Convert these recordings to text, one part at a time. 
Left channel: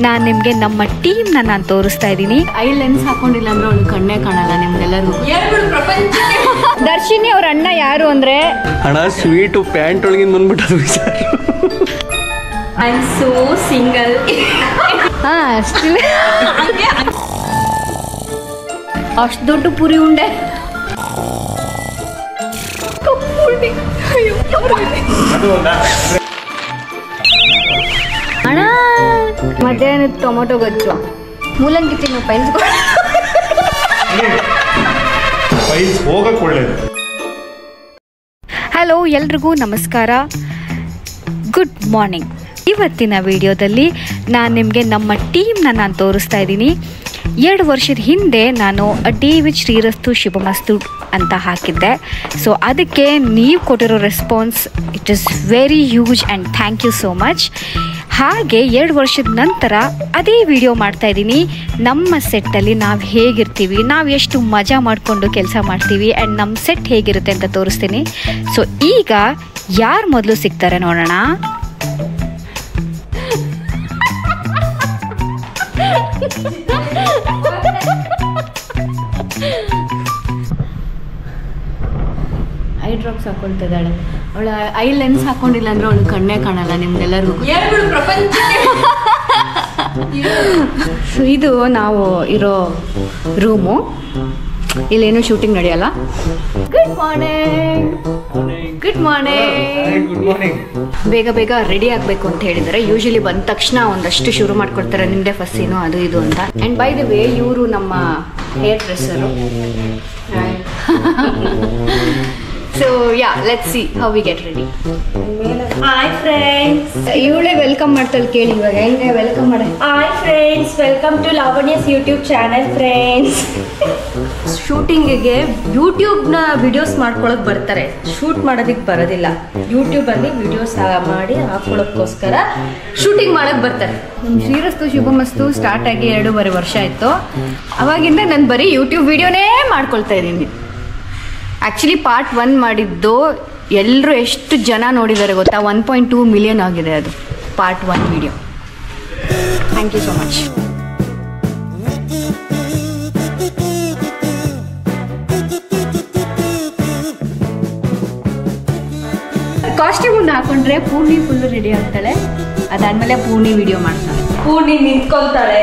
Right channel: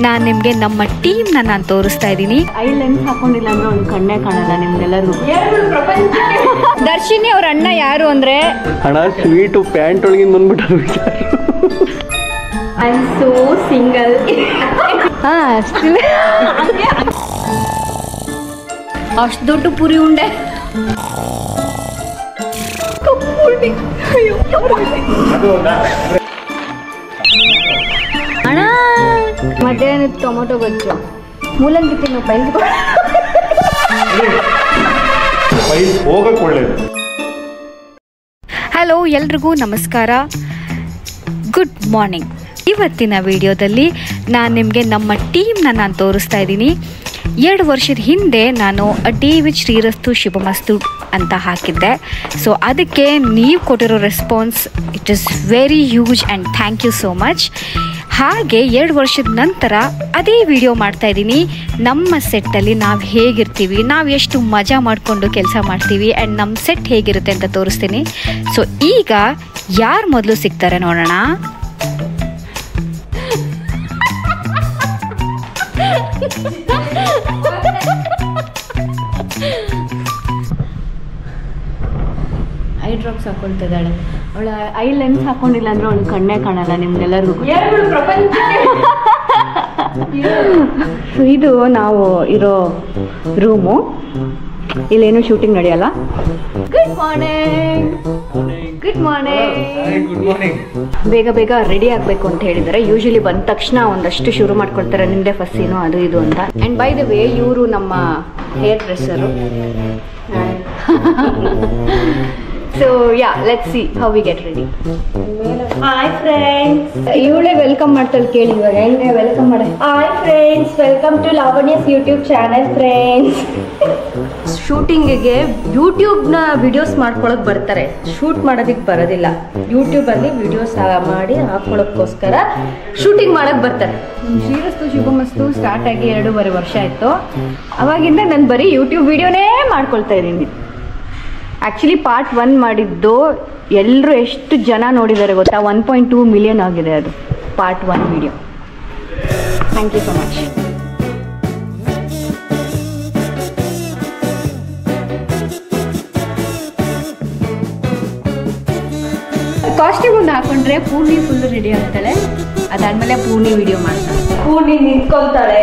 ನಾನು ನಿಮಗೆ ನಮ್ಮ ಟೀಮ್ನ ನಾನು ತೋರಿಸ್ತಾ ಇದ್ದೀನಿ. ಐ ಲೆನ್ಸ್ ಹಾಕೊಂಡಿಲ್ಲ ಅಂದ್ರೆ ಅವ್ನು ಕಣ್ಣೇ ಕಾಣಲ್ಲ ನಿಮ್ಗೆಲ್ಲರೂ. ದರ್ಶಿನಿ ಅವ್ರ ಅಣ್ಣ ಯಾರು ಅಂದ್ರೆ ಅಣ್ಣ ಸ್ವೀಟು ಪ್ಯಾಂಟ್ ಒಳಗಿಂದ ಬಂದ್ಬಿಟ್ಟು ವಿಚಾರ. I am so single. ಅಷ್ಟು ದೊಡ್ಡ ಪುರಿ ಉಂಡೆ. ಅಣ್ಣ ಮಧ್ಯಾಹ್ನ ಟೊಮೊಟೊ ಗೊಜ್ಜು ಮೂಲಂಗಿ ತಿನ್ನು ಹೋಗಕ್ಕೆ ಒಳ್ಳೇದು. ಹಲೋ, ಎಲ್ರಿಗೂ ನಮಸ್ಕಾರ, ಗುಡ್ ಮಾರ್ನಿಂಗ್. ಇವತ್ತಿನ ವಿಡಿಯೋದಲ್ಲಿ ನಾನು ನಿಮಗೆ ನಮ್ಮ ಟೀಮ್ನ ನಾನು ತೋರಿಸ್ತಾ ಇದ್ದೀನಿ. 2 ವರ್ಷದ ಹಿಂದೆ ನಾನು ಡೇ ವಿತ್ ಶ್ರೀರಸ್ತು ಶುಭಮಸ್ತು ಅಂತ ಹಾಕಿದ್ದೆ. ಸೊ ಅದಕ್ಕೆ ನೀವು ಕೊಟ್ಟಿರೋ response it is very huge and thank you so much. ಹಾಗೆ 2 ವರ್ಷದ ನಂತರ ಅದೇ ವಿಡಿಯೋ ಮಾಡ್ತಾಯಿದ್ದೀನಿ. ನಮ್ಮ ಸೆಟ್ಟಲ್ಲಿ ನಾವು ಹೇಗಿರ್ತೀವಿ, ನಾವು ಎಷ್ಟು ಮಜಾ ಮಾಡಿಕೊಂಡು ಕೆಲಸ ಮಾಡ್ತೀವಿ ಆ್ಯಂಡ್ ನಮ್ಮ ಸೆಟ್ ಹೇಗಿರುತ್ತೆ ಅಂತ ತೋರಿಸ್ತೀನಿ. ಸೊ ಈಗ ಯಾರು ಮೊದಲು ಸಿಗ್ತಾರೆ ನೋಡೋಣ. ಐ ಡ್ರಾಪ್ಸ್ ಹಾಕೊಳ್ತಿದ್ದಾಳೆ. ಅವಳ ಐ ಲೆನ್ಸ್ ಹಾಕೊಂಡಿಲ್ಲ ಅಂದ್ರೆ ಅವಳು ಕಣ್ಣೇ ಕಾಣಲ್ಲ ನಿಮ್ಗೆಲ್ಲರೂ. ಸೊ ಇದು ನಾವು ಇರೋ ರೂಮು. ಇಲ್ಲೇನು ಶೂಟಿಂಗ್ ನಡೆಯಲ್ಲ. Good morning. Good morning. Good morning. ಬೇಗ ಬೇಗ ರೆಡಿ ಆಗಬೇಕು ಅಂತ ಹೇಳಿದ್ದಾರೆ. ಯೂಶಲಿ ಬಂದ ತಕ್ಷಣ ಒಂದಷ್ಟು ಶುರು ಮಾಡ್ಕೊಳ್ತಾರೆ, ನಿಮ್ಮದೇ ಫಸ್ಟ್ ಸೀನು ಅದು ಇದು ಅಂತ. ಆ್ಯಂಡ್ ಬೈ ದ ವೇ ಇವರು ನಮ್ಮ hair dresser. So yeah, let's see how we get ready. Hi friends, ಇವಳೇ ವೆಲ್ಕಮ್ ಮಾಡ್ತಾಳೆ. ಕೇಳಿ ಇವಾಗ ಹೆಂಗೆ ವೆಲ್ಕಮ್ ಮಾಡಿ. Hi friends, welcome to Lavanya's YouTube channel friends. ಶೂಟಿಂಗಿಗೆ ಯೂಟ್ಯೂಬ್ನ ವಿಡಿಯೋಸ್ ಮಾಡ್ಕೊಳಕ್ ಬರ್ತಾರೆ, ಶೂಟ್ ಮಾಡೋದಕ್ಕೆ ಬರೋದಿಲ್ಲ. ಯೂಟ್ಯೂಬಲ್ಲಿ ವಿಡಿಯೋಸ್ ಮಾಡಿ ಹಾಕೊಳ್ಳೋಕ್ಕೋಸ್ಕರ ಶೂಟಿಂಗ್ ಮಾಡಕ್ ಬರ್ತಾರೆ. ಶ್ರೀರಸ್ತು ಶುಭಮಸ್ತು ಸ್ಟಾರ್ಟ್ ಆಗಿ 2.5 ವರ್ಷ ಆಯಿತು. ಅವಾಗಿಂದ ನಾನು ಬರೀ ಯೂಟ್ಯೂಬ್ ವಿಡಿಯೋನೇ ಮಾಡ್ಕೊಳ್ತಾ ಇದ್ದೀನಿ. ಆ್ಯಕ್ಚುಲಿ ಪಾರ್ಟ್ 1 ಮಾಡಿದ್ದು ಎಲ್ಲರೂ ಎಷ್ಟು ಜನ ನೋಡಿದ್ದಾರೆ ಗೊತ್ತಾ? 1.2 ಮಿಲಿಯನ್ ಆಗಿದೆ ಅದು part 1 video. Thank you so much. Costume ಒಂದು ಹಾಕೊಂಡ್ರೆ ಪೂರ್ಣಿ ಫುಲ್ಲು ರೆಡಿ ಆಗ್ತಾಳೆ. ಅದಾದ್ಮೇಲೆ ಪೂರ್ಣಿ ವಿಡಿಯೋ ಮಾಡ್ತಾಳೆ. ಪೂರ್ಣಿ ನಿಂತ್ಕೊಳ್ತಾಳೆ,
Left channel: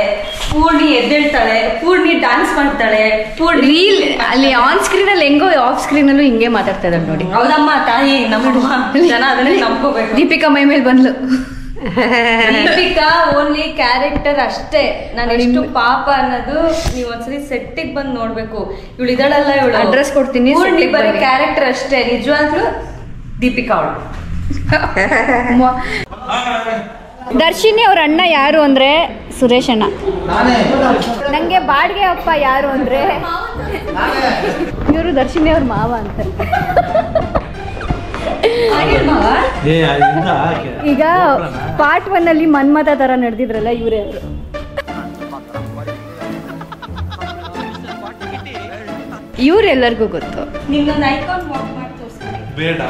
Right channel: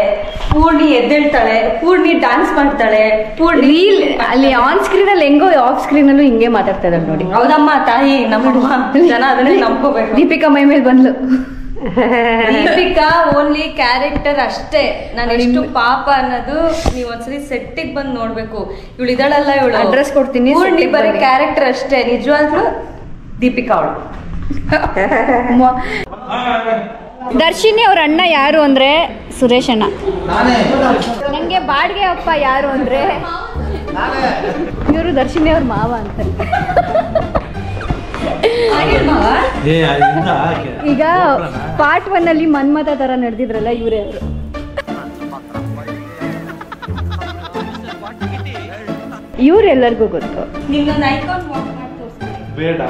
ಪೂರ್ಣಿ ಎದ್ದೇಳ್ತಾಳೆ, ಪೂರ್ಣಿ ಡ್ಯಾನ್ಸ್ ಮಾಡ್ತಾಳೆ, ಪೂರ್ಣಿ ರೀಲ್ ಅಲ್ಲಿ ಆನ್ ಸ್ಕ್ರೀನ್ ಅಲ್ಲಿ ಹೆಂಗೋ ಆಫ್ ಸ್ಕ್ರೀನ್ ಅಲ್ಲೂ ಹಿಂಗೆ ಮಾತಾಡ್ತಾ ಇದ್ದಾರೆ ನೋಡಿ. ಹೌದಮ್ಮ ತಾಯಿ, ನಮ್ಮ ಜನ ಅದನ್ನೇ ನಂಬ್ಕೋಬೇಕು. ದೀಪಿಕಾ ಮೈ ಮೇಲೆ ಬಂದ್ಲು. ದೀಪಿಕಾ ಓನ್ಲಿ ಕ್ಯಾರೆಕ್ಟರ್ ಅಷ್ಟೇ. ನಾನು ಎಷ್ಟು ಪಾಪ ಅನ್ನೋದು ನೀವು ಒಂದ್ಸರಿ ಸೆಟ್ಟಿಗೆ ಬಂದು ನೋಡ್ಬೇಕು. ಇವಳು ಇದಾಳಲ್ಲ, ಇವಳು ಅಡ್ರೆಸ್ ಕೊಡ್ತೀನಿ. ಪೂರ್ಣಿ ಬರೀ ಕ್ಯಾರೆಕ್ಟರ್ ಅಷ್ಟೇ, ನಿಜವಾಗ್ಲೂ ದೀಪಿಕಾ ಅವಳು. ದರ್ಶಿನಿ ಅವ್ರ ಅಣ್ಣ ಯಾರು ಅಂದ್ರೆ ಸುರೇಶ್ ಅಣ್ಣ. ನಂಗೆ ಬಾಡಿಗೆ ಅಪ್ಪ ಯಾರು ಅಂದ್ರೆ ಇವರು ದರ್ಶಿನಿ ಅವ್ರ ಮಾವ ಅಂತ. ಈಗ ಪಾರ್ಟ್ 1 ಅಲ್ಲಿ ಮನ್ಮಥ ತರ ನಡೆದಿದ್ರಲ್ಲ, ಇವರೇ ಅವರು. ಇವ್ರೆಲ್ಲರಿಗೂ ಗೊತ್ತು. ನಿನ್ನೊಂದು ಐಕಾನ್ ವಾಕ್ ಮಾಡಿ ತೋರಿಸ್ತೀನಿ. ಬೇಡ.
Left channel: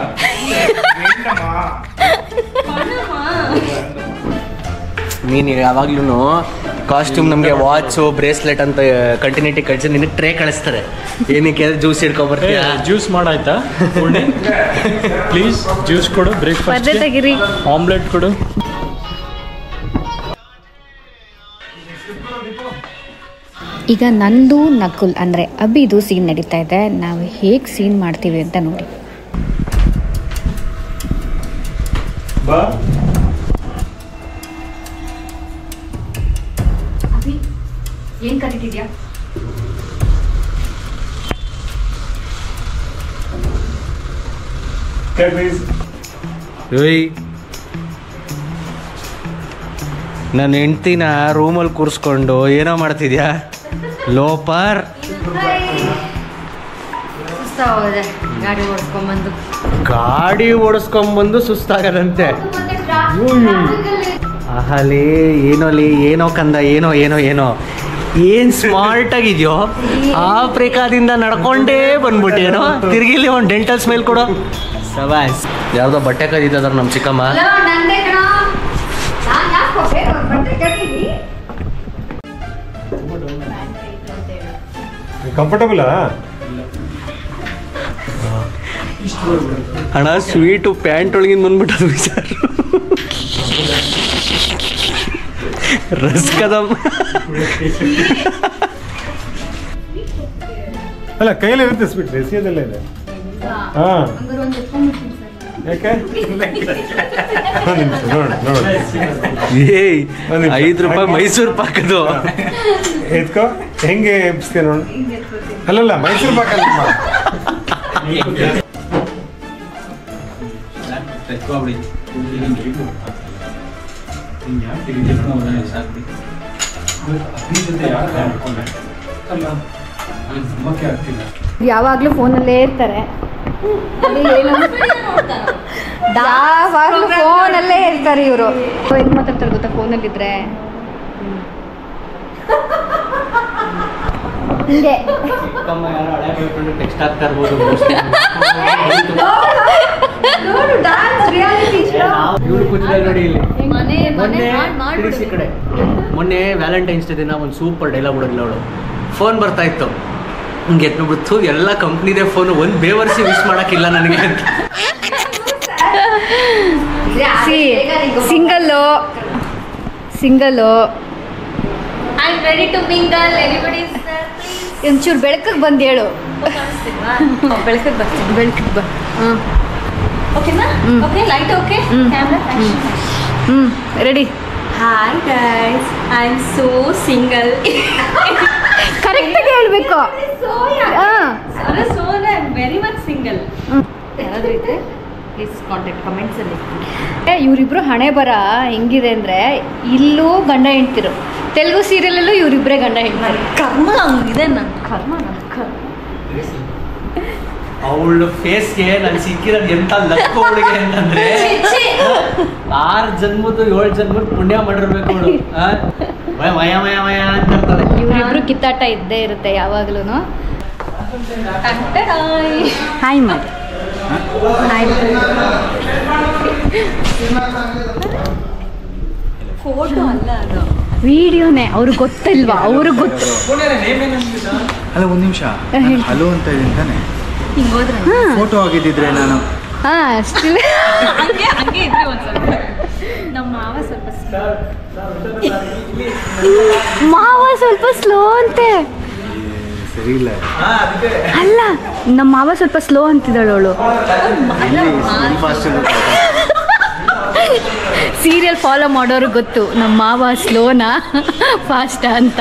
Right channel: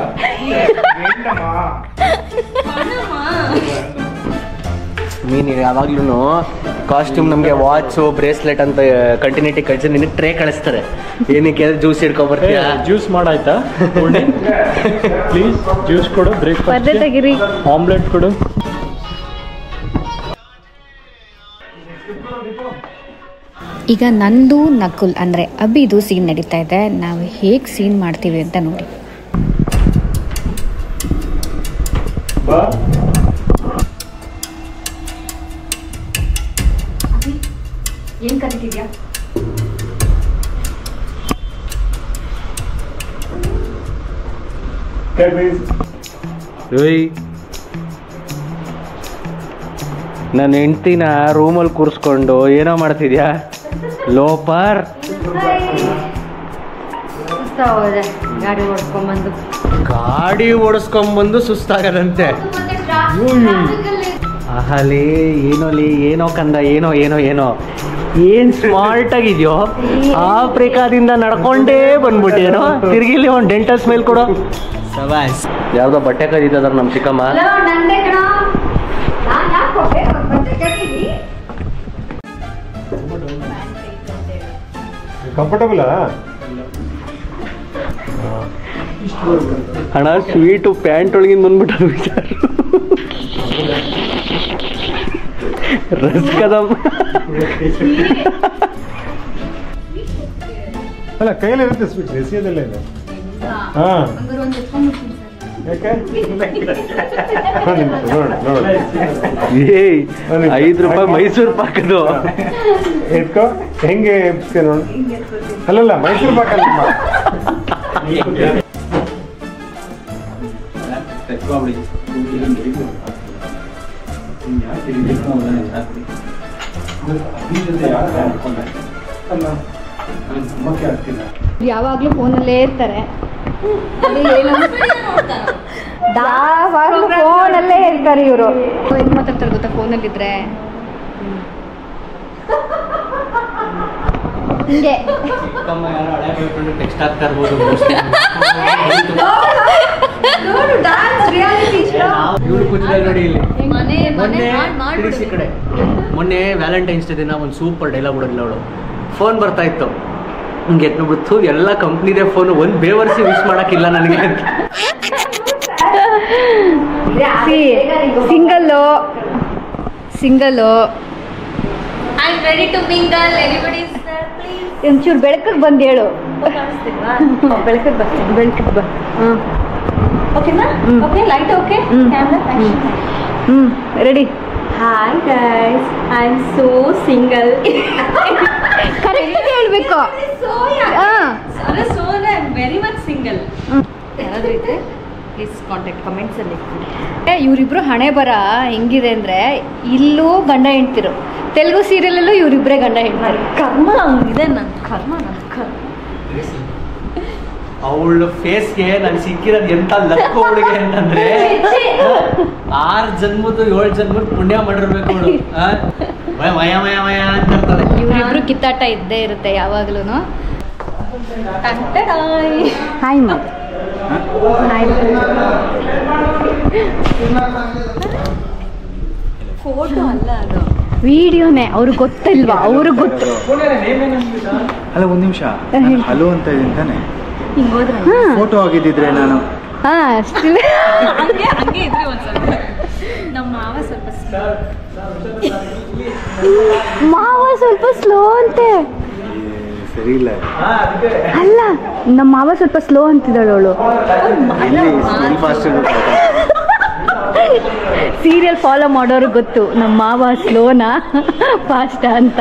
ನೀನು ಯಾವಾಗ್ಲೂ ಕಾಸ್ಟ್ಯೂಮ್ ನಮಗೆ ವಾಚು ಬ್ರೇಸ್ಲೆಟ್ ಅಂತ ಕಂಟಿನ್ಯೂಟಿ ಕಳಿಸಿ ನಿನಗೆ ಟ್ರೇ ಕಳಿಸ್ತಾರೆ. ಏನಕ್ಕೆ ಜ್ಯೂಸ್ ಹಿಡ್ಕೊಬರ್ತೀಯ? ಜ್ಯೂಸ್ ಮಾಡಾಯ್ತಾ? ಪ್ಲೀಸ್ ಜ್ಯೂಸ್ ಕೊಡು. ಬ್ರೇಕ್ಫಾಸ್ಟ್ ತೆಗಿರಿ. ಆಮ್ಲೆಟ್ ಕೊಡು. ಈಗ ನಂದು ನಕುಲ್ ಅಂದರೆ ಅಭಿದು ಸೀನ್ ನಡೀತಾ ಇದೆ. ನಾವು ಹೇಗೆ ಸೀನ್ ಮಾಡ್ತೀವಿ ಅಂತ ನೋಡಿ. ಏನು ಕಲಿತಿದ್ಯಾ? ನನ್ನ ಹೆಂಡ್ತಿನ ರೂಮಲ್ಲಿ ಕೂರಿಸ್ಕೊಂಡು ಏನೋ ಮಾಡ್ತಿದ್ಯಾ ಲೋಪರ್? ಗಾಡಿ ಓಡಿಸ್ಕೊಂಬಂದು ಸುಸ್ತಾಗದಂತೆ. ಅಹಲಿ ಏನೋ ಕಂದ, ಏನೋ ಏನ್ ಸ್ಮಾರ್ಟ್ ಆಗಿದ್ಯೋ. ಆಫ್ರಿಕಾದಿಂದ ನಡ್ಕೊಂಡೇ ಬಂದ್ಬಿಟ್ಟೇನೋ. ತಿರ್ಗಿಲಿ ಒಂದು ಡೆಂಟಲ್ ಸ್ಮೈಲ್ ಕೊಡೋ. ಸವಾಸ್. ಯಾವ್ದೋ ಬಟ್ಟೆ ಕದೀತದಾರ ನಮ್ಮ ಚಿಕ್ಕಮ್ಮ. ಕಂಫರ್ಟಬಲ್ ಅಣ್ಣ ಸ್ವೀಟು ಪ್ಯಾಂಟ್ ಒಳಗಿಂದ ಬಂದ್ಬಿಟ್ಟದು ವಿಚಾರ ರಸ್ಕದಮ್ ಅಲ್ಲ ಕೈಯಲ್ಲಿ ಇರುತ್ತೆ ಸ್ವೀಟ್ ಎಸೆಯೋದೆಲ್ಲ ಇದೆ ಹಾಂ ಯಾಕೆ ನೋಡಿ ಏಯ್ ₹5 ಮೈಸೂರು ಪಾಕದು ಎತ್ಕೋ ಹೆಂಗೆ ಎಬ್ಸ್ತೀಯ ನೋಡು ಅಲ್ಲಲ್ಲ ಮೈಸೂರು ಪಾಕ ಯಾವಾಗಲೂ ಫೋನಲ್ಲೇ ಇರ್ತಾರೆ ಫೋನಲ್ಲೇ ಇರ್ತಾರೆ ಇವರು ಹೆಂಗ್ ಮಾತಾಡ್ತಾರೆ ಗೊತ್ತಾ ಫೋನಲ್ಲಿದ್ರೆ ಹಿಂಗೆ ಟೆಕ್ಸ್ಟ್ ಆಗ್ತಾ ಇರ್ಬೋದು ಇವ್ರು ಕೂತಿದ್ದಾರೆ ನೋಡಿ ಇಲ್ಲಿ ತಿರ್ಗಿಸಿ ಈ ಕಡೆ ಮೊನ್ನೆ ವ್ಯಾಲೆಂಟೈನ್ಸ್ ಡೇ ದಿನ ಒಂದು ಸೂಪರ್ ಡೈಲಾಗ್ ಬಿಡೋದಿಲ್ಲ ಅವಳು ಫೋನ್ ಬರ್ತಾ ಇತ್ತು ಹಿಂಗೆ ಎತ್ಬಿಡ್ತು ಎಲ್ಲ ಕಂಪ್ನಿದೇ ಫೋನು ಒಂದು ಬೇವರ್ಸಿ ವಿಶ್ ಮಾಡೋಕ್ಕಿಲ್ಲ ನನಗೆ ಅಂತ single I am ready to mingle everybody is there please ಒಂಚೂರು ಬೆಳಕಿಗೆ ಬಂದು ಹೇಳು ಕಾಣಿಸ್ತಿಲ್ವಾ ಬೆಳಕಿಗೆ ಬರ್ತೀನಿ ಬೆಳಕಿಗೆ ಬಾ ಓಕೆನಾ okay light okay camera action ready hi guys I am so single ಕರೆಕ್ಟಾಗಿ ಹೇಳ್ಬೇಕು so I am very much single ಯಾರಾದ್ರೂ ಇದ್ರೆ ಪ್ಲೀಸ್ ಕಾಂಟ್ಯಾಕ್ಟ್ ಕಮೆಂಟ್ಸ್ ಅಲ್ಲಿ ಇವರಿಬ್ರು ಹಣೆ ಬರ ಹೆಂಗಿದೆ ಅಂದ್ರೆ ಇಲ್ಲೂ ಗಂಡ ಹೆಂಡ್ತಿರು ತೆಲುಗು ಸೀರಿಯಲಲ್ಲೂ ಇವರಿಬ್ಬರೇ ಗಂಡ ಹೆಂಡ್ತಿರು ಕರ್ಮ ಹಂಗಿದೆ ನನ್ನ ಕರ್ಮ ಅವಳ ಫೇಸ್ಗೆ ನಾನು ಸಿಕ್ಕಿರೋದು ಎಂತ ಲಕ್ಕ ಹುಡುಗಿ ಅಂತಂದ್ರೆ 6 ಜನ್ಮದ್ದು 7 ಜನ್ಮದ ಪುಣ್ಯ ಮಾಡಿರ್ಬೇಕು ಅವಳು ಮಯ ಮಯ ಮಯ ಅಂತ ಇರ್ತಾಳೆ. ಇವರಿಬ್ರು ಕಿತ್ತಾಟ ಇದ್ದೇ ಇರುತ್ತೆ ಯಾವಾಗ್ಲೂ. ಹಾಯ್ ಮಾಡಿ ಫೋಟೋ ಅಲ್ಲ ಅದು ವಿಡಿಯೋನೇ ಅವ್ರಿಗೆ ಗೊತ್ತಿಲ್ವಾ? ಅವ್ರಿಗೆ ಗೊತ್ತು. ಅಲ್ಲ ಒಂದು ನಿಮಿಷ ಹಲೋ ಅಂತ ಇದೀನಿ ತಾನೆ ಹಿಂಗೋದ್ರ ಫೋಟೋ ಆಗಿದ್ದಿದ್ರೆ ನಾನು ಸ್ಟಿಲ್ ಹಂಗೆ ಇದ್ರಿ ಒಂದು ಸ್ವಲ್ಪ ನಮ್ಮ ಮಾವ ಸ್ವಲ್ಪ ಸ್ಲೋ ಅಂತೆ. ಸರಿ ಇಲ್ಲ ಅಲ್ಲ ನಮ್ಮ ಮಾವ ಸ್ವಲ್ಪ ಸ್ಲೋ ಅಂತಿದ್ದಾಳು ಅವಳು. ಸೀರಿಯಲ್ ಫಾಲೋ ಮಾಡೋರು ಗೊತ್ತು ನಮ್ಮ ಮಾವ ಸ್ಲೋನಾ ಫಾಸ್ಟಾ ಅಂತ.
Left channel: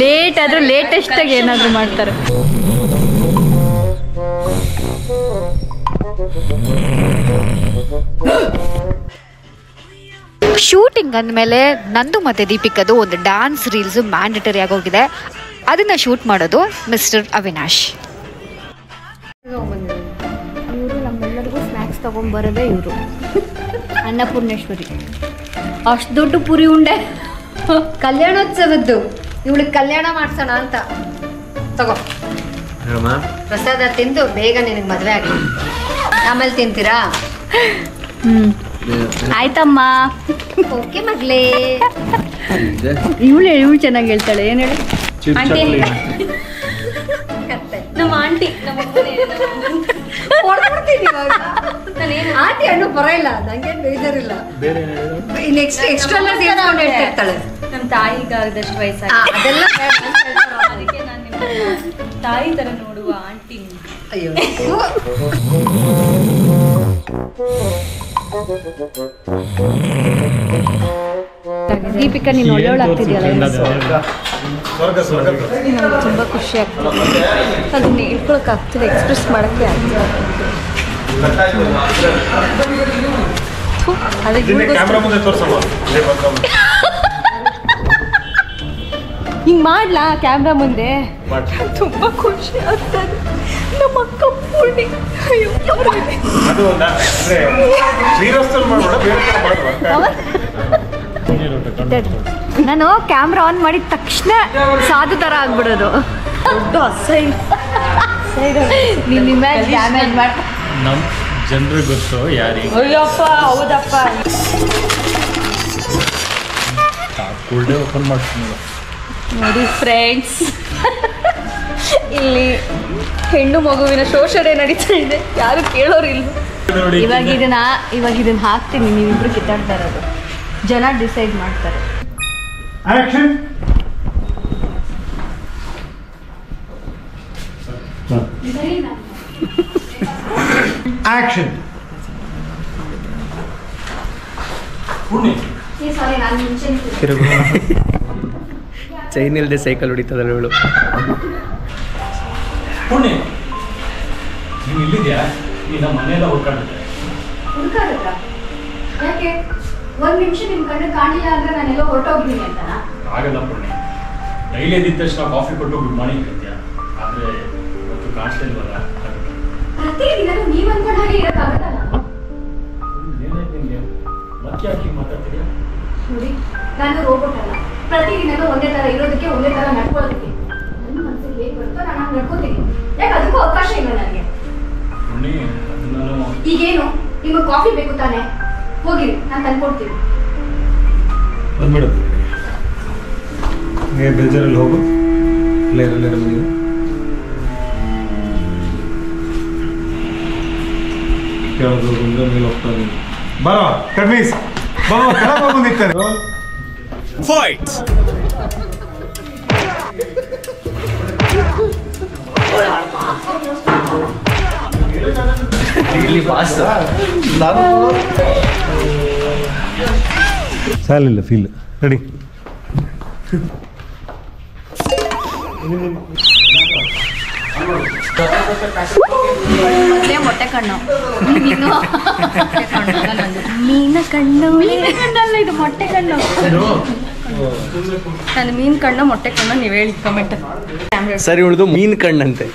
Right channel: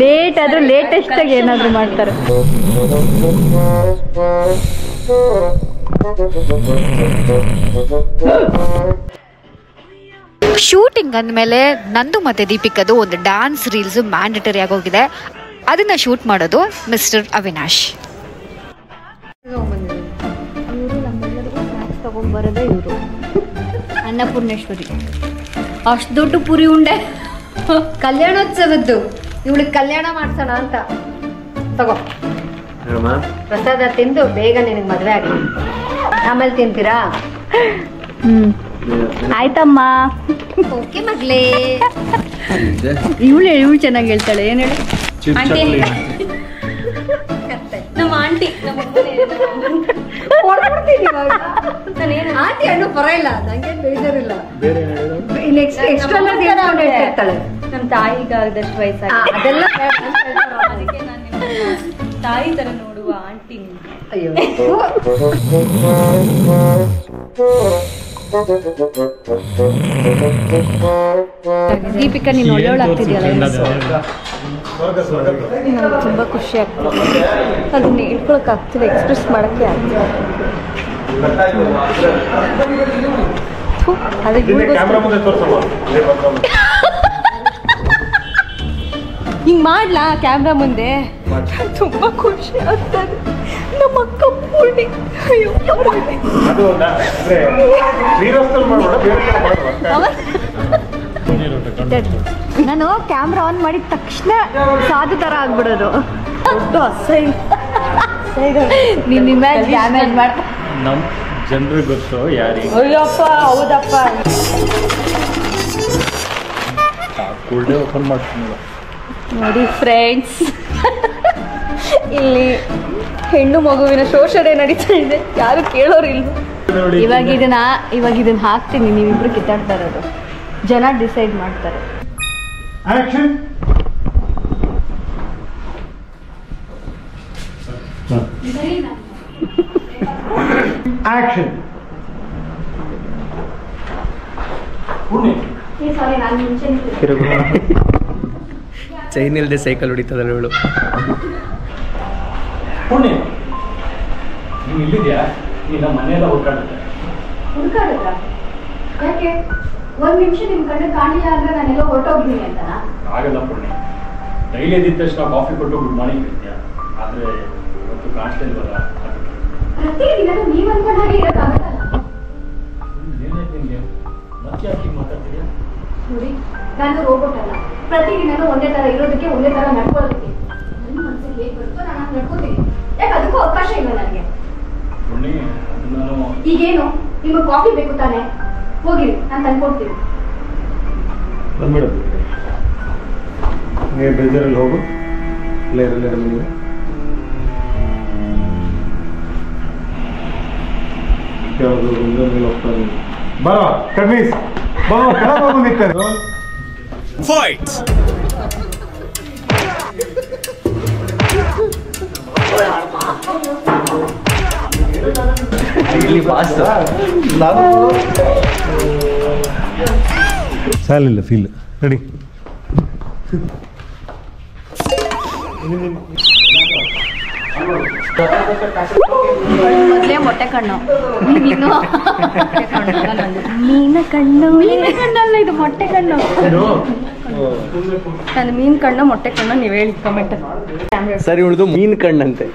ಲೇಟ್ ಆದ್ರೆ ಲೇಟೆಸ್ಟ್ ಆಗಿ ಏನಾದ್ರು ಮಾಡ್ತಾರೆ. ಶೂಟಿಂಗ್ ಅಂದಮೇಲೆ ನಂದು ಮತ್ತೆ ದೀಪಿಕದು ಒಂದು ಡ್ಯಾನ್ಸ್ ರೀಲ್ಸ್ ಮ್ಯಾಂಡೇಟರಿ ಆಗೋಗಿದೆ. ಅದನ್ನ ಶೂಟ್ ಮಾಡೋದು ಮಿಸ್ಟರ್ ಅವಿನಾಶ್. ಇವರು ನಮ್ಮೆಲ್ಲರಿಗೂ ಸ್ನ್ಯಾಕ್ಸ್ ತಗೊಂಡ್ಬರೋದೇ ಇವರು ಅನ್ನಪೂರ್ಣೇಶ್ವರಿ. ಅಷ್ಟು ದೊಡ್ಡ ಪುರಿ ಉಂಡೆ ಕಲ್ಯಾಣೋತ್ಸವದ್ದು. ಇವಳಿಗೆ ಕಲ್ಯಾಣ ಮಾಡ್ಸೋಣ ಅಂತ ತಗೋ ಪ್ರಸಾದ ತಿಂದು ಬೇಗ ನಿನಗೆ ಮದುವೆ ಆಗಲಿ. ಆಮೇಲೆ ತಿಂತೀರಾ? ಆಯ್ತಮ್ಮ. ಓಕೆ ಮಗ್ಲೇ. ಇವಳು ಚೆನ್ನಾಗಿ ಹೇಳ್ತಾಳೆ. ಏನು ಹೇಳಿ ಆಂಟಿ? ನಮ್ಮ ಆಂಟಿ ಆಂಟಿ ಹಣ್ಣು ಪರವಾಗಿಲ್ಲ, ನಂಗೇನು ಬೇಜಾರಿಲ್ಲ. Next extra ಹೇಳ್ತಿರ್ತಾಳೆ. ನಮ್ಮ ತಾಯಿಗಾದಷ್ಟು ವಯಸ್ಸಾಗಿ ಅದೆಲ್ಲ ಅದಕ್ಕೆ ನಾನು ನಿಮ್ಮ ತಾಯಿ ತರ ನೋಡುವ ಆಂಟಿ. ಅಯ್ಯೋ ದೀಪಿಕಾ ನೀನು ಒಳ್ಳೆಯವಳಾಗ್ತಿದ್ಯಲ್ಲ. ನಂಗೆ ತುಂಬ ಖುಷಿ ಆಗ್ತದೆ. ಅದನ್ನ ಹೇಳ್ಕೊಳಕ್ಕೆ ಆಗ್ತಿಲ್ಲ, ಎಕ್ಸ್ಪ್ರೆಸ್ ಮಾಡೋಕ್ಕೆ ಆಗ್ತಿಲ್ಲ. ಹಿಂಗೆ ಮಾಡ್ಲಾ ಕ್ಯಾಮ್ರಾ ಮುಂದೆ? ತುಂಬ ಖುಷಿ ಆಗ್ತದೆ. ನಮ್ಮ ಅಕ್ಕ ಪೂರ್ಣಿ ನಾನು ಕ್ಯಾಮ್ರಾ ಆನ್ ಮಾಡಿದ ತಕ್ಷಣ ಸಾಧು ಥರ ಆಗ್ಬಿಡೋದು. ದೊಡ್ಡ ಅಸಹ್ಯ ನಿನ್ನ ಇಮೇಜ್ ಡ್ಯಾಮೇಜ್ ಮಾಡಿ ನಮ್ಮ ಜನರಿಗೆ ಗೊತ್ತು ಯಾರಿಗೆ. ಅಯ್ಯಪ್ಪ ಹೌದಪ್ಪ. ಫುಲ್ ಡೇ ಓಪನ್ ಮಾಡ್ತೀನಿ ನೋಡಿ ಫ್ರೆಂಡ್ಸ್, ಇಲ್ಲಿ ಹೆಣ್ಣು ಮಗುವಿನ ಶೋಷಣೆ ನಡೀತಾ ಇದೆ, ಯಾರು ಕೇಳೋರಿಲ್ಲ. ಇವಾಗ ಇದನ್ನ ಹಾಕ್ತೀನಿ, ನೀವಿಬ್ರು ಕಿತ್ತಾಡ್ತಾ ಇರೋದು, ಜನ ಡಿಸೈಡ್ ಮಾಡ್ತಾರೆ. ಆಕ್ಷನ್. ಆಕ್ಷನ್. ಚೈನ್ ಇಲ್ಲದೆ ಸೈಕಲ್ ಹೊಡಿತದಲ್ಲ ಇವಳು. ಪುಣ್ಯ ನೀನು ಇಲ್ಲಿದ್ಯಾ? ನೀನು ಮನೆಯೆಲ್ಲ ಹುಡ್ಕಾಡುತ್ತೆ. ಯಾಕೆ ಒಂದ್ ನಿಮಿಷ ನಿಮ್ ಕಣ್ಣು ಕಾಣಿಲ್ಲ ಅಂದ್ರೆ ನಾನೆಲ್ಲ ಹೊರಟೋಗಿದ್ದೀನಿ ಅಂತನಾ? ಆಗಲ್ಲ ಪುಣ್ಯ, ಡೈಲಿ ಎದ್ದಿದ ತಕ್ಷಣ ಕಾಫಿ ಕೊಟ್ಟು ಗುಡ್ ಮಾರ್ನಿಂಗ್ ಹೇಳ್ತೀಯ, ಆದರೆ ಇವತ್ತು ಕಾಣಿಸ್ತಾ ಇಲ್ವಲ್ಲ. ಪ್ರತಿದಿನ ನೀವ್ ಅನ್ಕೊಂಡ ಹಾಗೆ ಇರೋಕ್ಕಾಗಲ್ಲ. ಏನಾಯ್ತು ನಿಮಗೆ? ಮತ್ತೆ ಯಾಕೆ ಮಾತಾಡ್ತೀಯಾ? ನೋಡಿ, ನಾನು ರೋಬೋಟ್ ಅಲ್ಲ. ಪ್ರತಿದಿನನೂ ಒಂದೇ ತರ ಇರೋದಕ್ಕೆ, ಒಂದೇ ತರ ನಡ್ಕೊಳ್ಳೋದಕ್ಕೆ ನನ್ನ ಮನಸ್ಸಿಗೆ ಹೇಗೆ ಬರುತ್ತೋ ನಾನು ಹಂಗೆ ನಡ್ಕೋತೀನಿ. ಯಾಕೆ ಅದಕ್ಕೂ ಅವಕಾಶ ಇಲ್ಲ ನನಗೆ. ಪುಣ್ಯ ಅದು ನಾನು ಈಗೇನು ನಿಮಗೆ ಕಾಫಿ ಬೇಕು ತಾನೆ? ಹೋಗಿರಿ, ನಾನು ತಂದ್ಕೊಡ್ತೀನಿ. ಬಂದ್ಬಿಡು. ಹಂಗೆ ಬೇಜಾರಲ್ಲಿ ಹೋಗು. ಲೇರ ಮನೆಗೆ ಯಾವುದು ಮುಂದೆ ಮೇಲೆ ಹೋಗ್ತಾನೆ. ಬರೋ ಕಡ್ಮೀಸ್ ಬರೋ ಕೆಳಗೆ ಹೋಗು ನಿಂತಾರೆ. ಫೈಟ್. ಸಾಲಿಲ್ಲ ಫೀಲ್ ರೆಡಿ. ಮೊದಲೇ ಮೊಟ್ಟೆ ಕಣ್ಣು, ನೀನು ಮೀನ ಕಣ್ಣು. ಮೀನ ಕಣ್ಣಲ್ಲ, ಇದು ಮೊಟ್ಟೆ ಕಣ್ಣು. ನಾನು ಮೀನ್ ಕಣ್ಣು ಮೊಟ್ಟೆ ಕಣ್ಣು, ನೀವು ಹೇಳಿ ಕಮೆಂಟ್. ಸರಿ ಉಳಿದು ಮೀನ್ ಕಣ್ಣಂತೆ.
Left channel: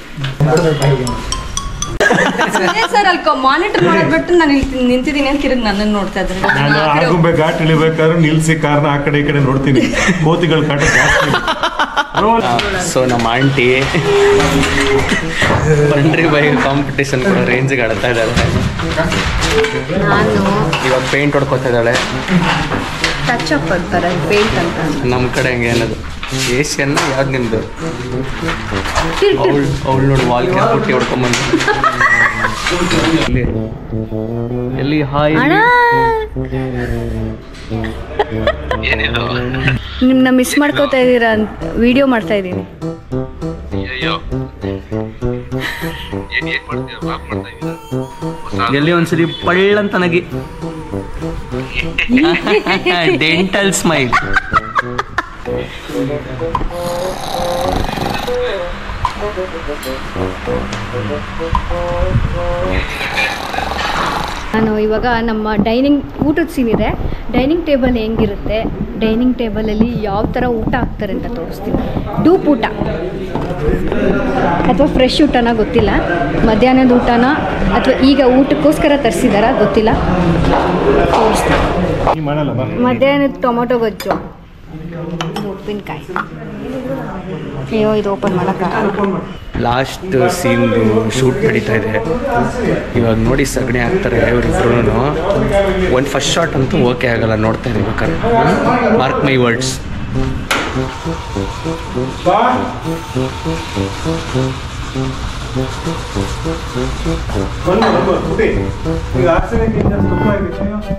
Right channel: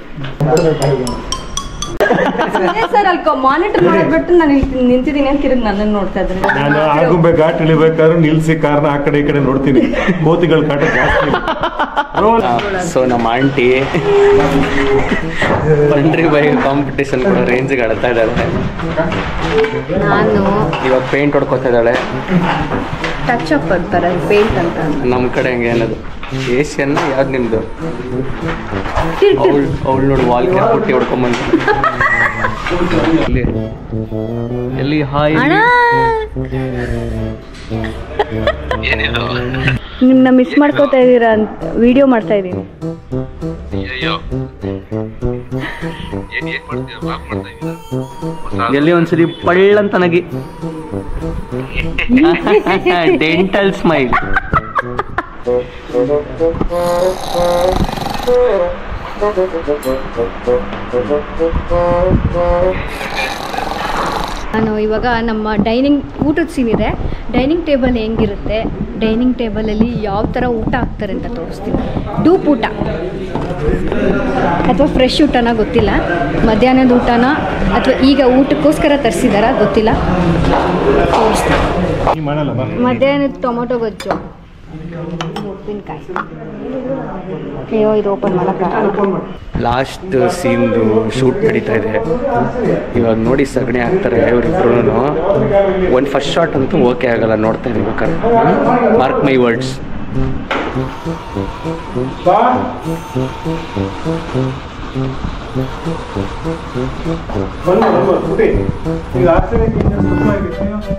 ಸರ್ ಅಲ್ಲಿ ಮಾನಿಟರ್ ಮಾಡೋದು ಬಿಟ್ಟು ನಾನು ಇಲ್ಲಿ ನಿಂತಿದ್ದೀನಿ ಅಂತ ತಿರುಗಿ ನನ್ನನ್ನು ನೋಡ್ತಾ ಇದ್ದಾರೆ. ನಾನು ಆಗುಂಬೆ ಘಾಟ್ ಇಳಿಬೇಕಾದ್ರೆ ನಿಲ್ಸಿ ಕಾರ್ನ ಆ ಕಡೆ ಈ ಕಡೆ ನೋಡ್ತೀನಿ. ಕೋತಿಗಳ ಕಾಟ ಜಾಸ್ತಿ. ಸೊ ನಮ್ಮ ಆಂಟಿ ಬಂಡ್ರಿ ಬೈ ಕಾಂಪಿಟೇಷನ್ ಕೂಡ ರೇಂಜಿಗೆ ಆಡ್ತಾ ಇದ್ದಾಳೆ. ನಾನು ಇವಾಗ ಪೇಂಟ್ ಹೊಡ್ಕೊತಾ ಇದ್ದಾಳೆ. ಟಚ್ ಅಪ್ ಬರ್ತಾರೆ ಪೇಂಟ್ ಅಂತ. ನಮ್ಮ ಕಡೆ ಹಂಗೆ ಅನ್ನೋದು ಏಷ್ಯನ್ನ ಯಾವ್ದು ನಿಮ್ದು? ಅವಳು ನೋಡಿ ವಾಲ್ ಕ್ಯಾಪ್ ಪುಟ್ಟಿ ಹೊಡ್ಕೊಂಬಂದು ಎಲ್ಲಿ ಹಾಯ್ ನಿಮ್ಮನ್ನ ಮಿಸ್ ಮಾಡ್ಕೋತಾ ಇದ್ದೀರಾ ಅಂತ ವಿಡಿಯೋ ಮಾಡ್ತಾ ಇದ್ದೀನಿ. ಎಲ್ಲಿ ಒಂದ್ಸರಿ ಪಳ್ಳಂತ ನಗಿ ಡೆಂಟಲ್ ಸ್ಮೈಲ್. ನಾನು ಇವಾಗ ನಮ್ಮ ಊಟದ ಸೀನ್ ಇದೆ. ಡೈನಿಂಗ್ ಟೇಬಲ್ ಹೆಂಗಿರುತ್ತೆ, ಡೈನಿಂಗ್ ಟೇಬಲಲ್ಲಿ ಯಾವ ಥರ ಊಟ ಹಾಕ್ತಾರೆ ಅಂತ ತೋರಿಸ್ತೀನಿ. ಡೂಪ್ ಊಟ ಅಥವಾ ಫ್ರೆಶ್ ಊಟನ ಗೊತ್ತಿಲ್ಲ, ಮಧ್ಯಾಹ್ನದ ಊಟನ ಅಥವಾ ಈಗ ಊಟಕ್ಕೋಸ್ಕರ ತರಿಸಿದಾರ ಗೊತ್ತಿಲ್ಲ, ತೋರಿಸ್ತೀನಿ. ಮಧ್ಯಾಹ್ನದ ಟೊಮೊಟೊ ಗೊಜ್ಜು, ಉಪ್ಪಿನಕಾಯಿ. ಅಯ್ಯೋ ಇದು ಓಪನ್ ಮಾಡೋಕ್ಕಾಗಲ್ಲ. ಲಾಸ್ಟ್ ಸೀನ್ದು ಶೂಟ್ ನಡೀತಾ ಇದೆ. ಇವಾಗ ನೋಡಿ ಸಗಣಿ ಹಾಕ್ತಾರೆ ಇವರಿಬ್ರು. ಒಂದು ಫಸ್ಟ್ ಶಾಟ್ ಅಂತೂ ಓಕೆ ಆಗಲ್ಲ, ನೋಡ್ತಾ ಇರ್ಬೇಕಾದ್ರೆ. Mark my words.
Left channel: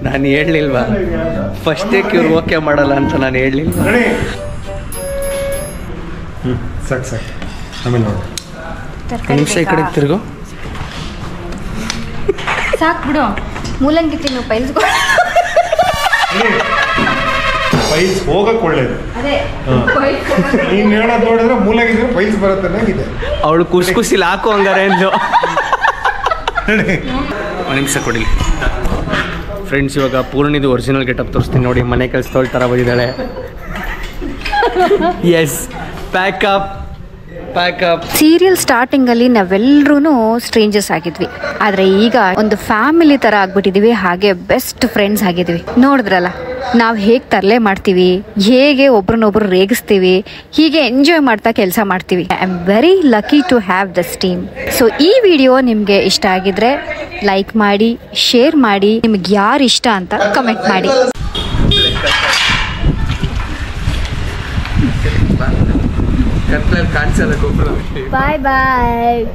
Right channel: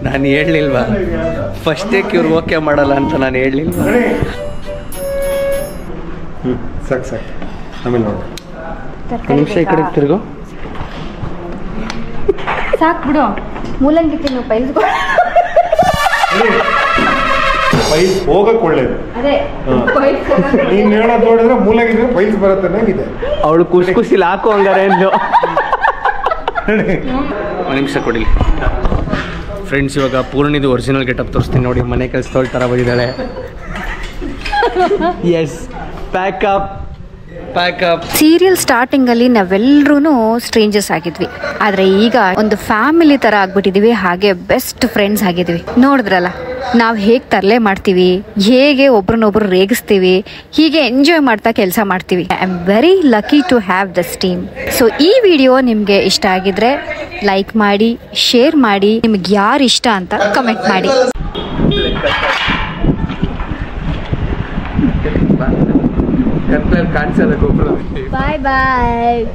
ನಾನು ಹೇಳಲಿಲ್ವಾ ಫಸ್ಟ್ ಟೇಕ್ ಇವ್ರು ಓಕೆ ಮಾಡಲ್ಲ ಅಂತ? ನಾನು ಹೇಳಲಿಲ್ವಾ? ಸಾಕು ಆಮೇಲೆ ನೋಡಿ. ನಿಮಿಷ ಈ ಕಡೆ ತಿರುಗು. ಸಾಕು ಬಿಡು, ಮೂಲಂಗಿ ತಿನ್ನು, ಪೈಲ್ಸ್ಗಳು. ಪೈಲ್ಸ್ ಹೋಗಕ್ಕೆ ಒಳ್ಳೇದು. ಅದೇ ನೀನು ಹೇಳೋದು ನೋಡಿದ್ರೆ ಮೂಲಂಗಿ ಪೈಲ್ಸ್ ಬರುತ್ತೆ ಅನ್ನಂಗಿದೆ. ಅವಳು ಖುಷಿಲಿ ಹಾಕು ಹಂಗಾರೆ ಎಂದು. ಒಂದು ನಿಮಿಷ ಕೊಡಿ ಫ್ರೆಂಡ್ಸ್. ಇವಾಗ ಪೂರ್ಣಿದು ಒರಿಜಿನಲ್ ಗೆಟಪ್ ತೋರಿಸ್ತೀನಿ ನೋಡಿ. ಮನೆ ಕೆಲಸದವಳ ಥರ ಬಂದಿದ್ದಾಳೆ. S, pack up. ಸೀರಿಯಲ್ ಸ್ಟಾರ್ಟಿಂಗಲ್ಲಿ ನಾವೆಲ್ಲರೂ ಸ್ಟ್ರೇಂಜರ್ಸ್ ಆಗಿದ್ವಿ, ಆದರೆ ಈಗ ಒಂದು ಫ್ಯಾಮಿಲಿ ಥರ ಆಗ್ಬಿಟ್ಟಿದ್ದೀವಿ, ಹಾಗೆ ಬೆಸ್ಟ್ ಫ್ರೆಂಡ್ಸ್ ಆಗಿದ್ವಿ. ನೋಡಿದ್ರಲ್ಲ ನಾವು ಹೇಗೆ ತರಲೆ ಮಾಡ್ತೀವಿ, ಹೇಗೆ ಒಬ್ರನ್ನೊಬ್ರು ರೇಗಿಸ್ತೀವಿ, ಹೀಗೆ ಎಂಜಾಯ್ ಮಾಡ್ತಾ ಕೆಲಸ ಮಾಡ್ತೀವಿ. I am very lucky to have this team. So ಈ ವಿಡಿಯೋ ನಿಮಗೆ ಇಷ್ಟ ಆಗಿದ್ರೆ ಲೈಕ್ ಮಾಡಿ, ಶೇರ್ ಮಾಡಿ, ನಿಮ್ಗೆ ಯಾರು ಇಷ್ಟ ಅಂತ ಕಮೆಂಟ್ ಮಾಡಿ. ಕತ್ಲಲ್ಲಿ ಕಾಣಿಸಲ್ಲ ಗೊಬ್ಬರ. ಬಾಯ್ ಬಾಯ್.